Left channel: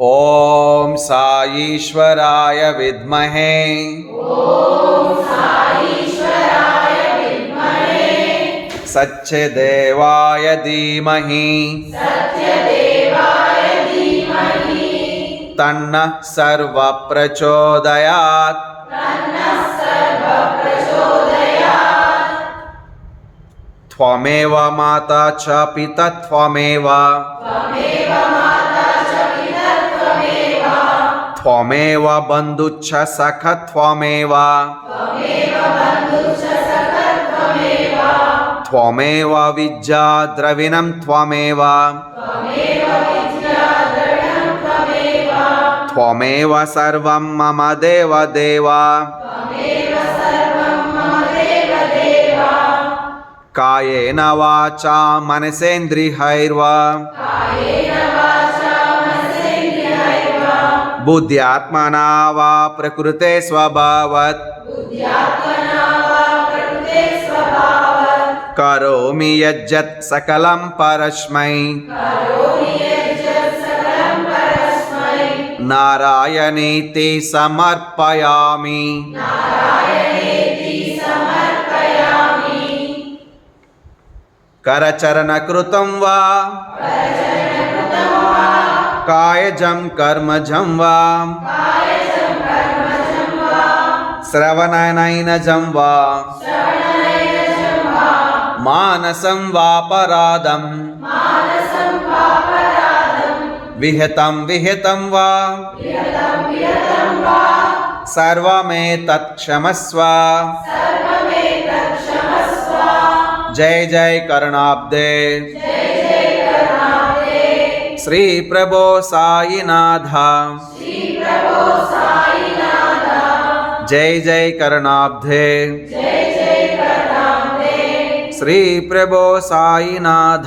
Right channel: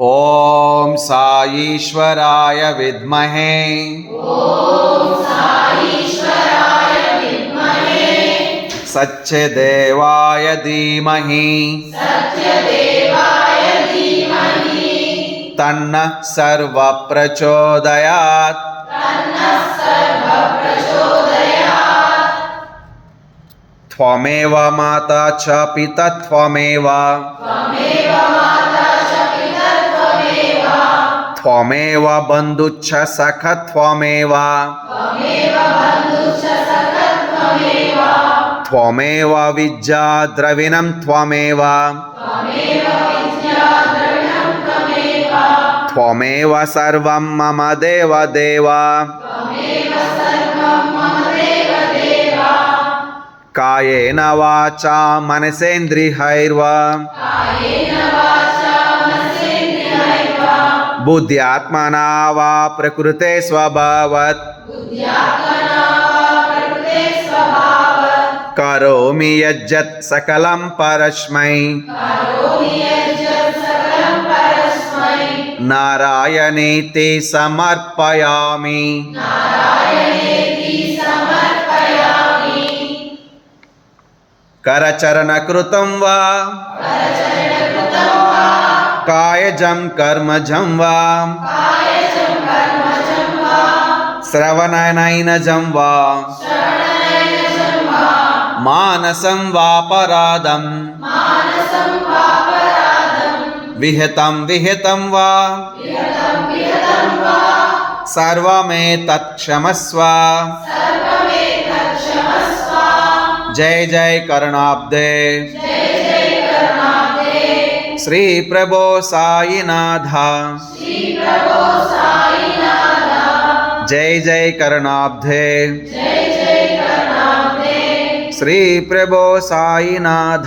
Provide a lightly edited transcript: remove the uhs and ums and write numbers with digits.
ओम साईश्वराय विद्महे सच्चिदेवाय धीमहि तन्नः सर्वः प्रचोदयात्। त्वमेव माता च पिता त्वमेव त्वमेव बन्धुश्च सखा त्वमेव त्वमेव विद्या द्रविणं त्वमेव त्वमेव सर्वं मम देव देव। कायेन वाचा मनसेन्द्रियैर्वा बुद्ध्यात्मना वा प्रकृते स्वभावात् करोमि यज्जत् सकलं परस्मै नारायणेति समर्पयामि। करचरणकृतं वा कायजं कर्मजं वा श्रवणनयनजं वा मानसं वापराधं विहितं विहितं वा सर्वमेतत् क्षमस्व। जय जय करुणाब्धे श्री प्रभो साईनाथ। जय जय करुणाब्धे श्री प्रभो साईनाथ।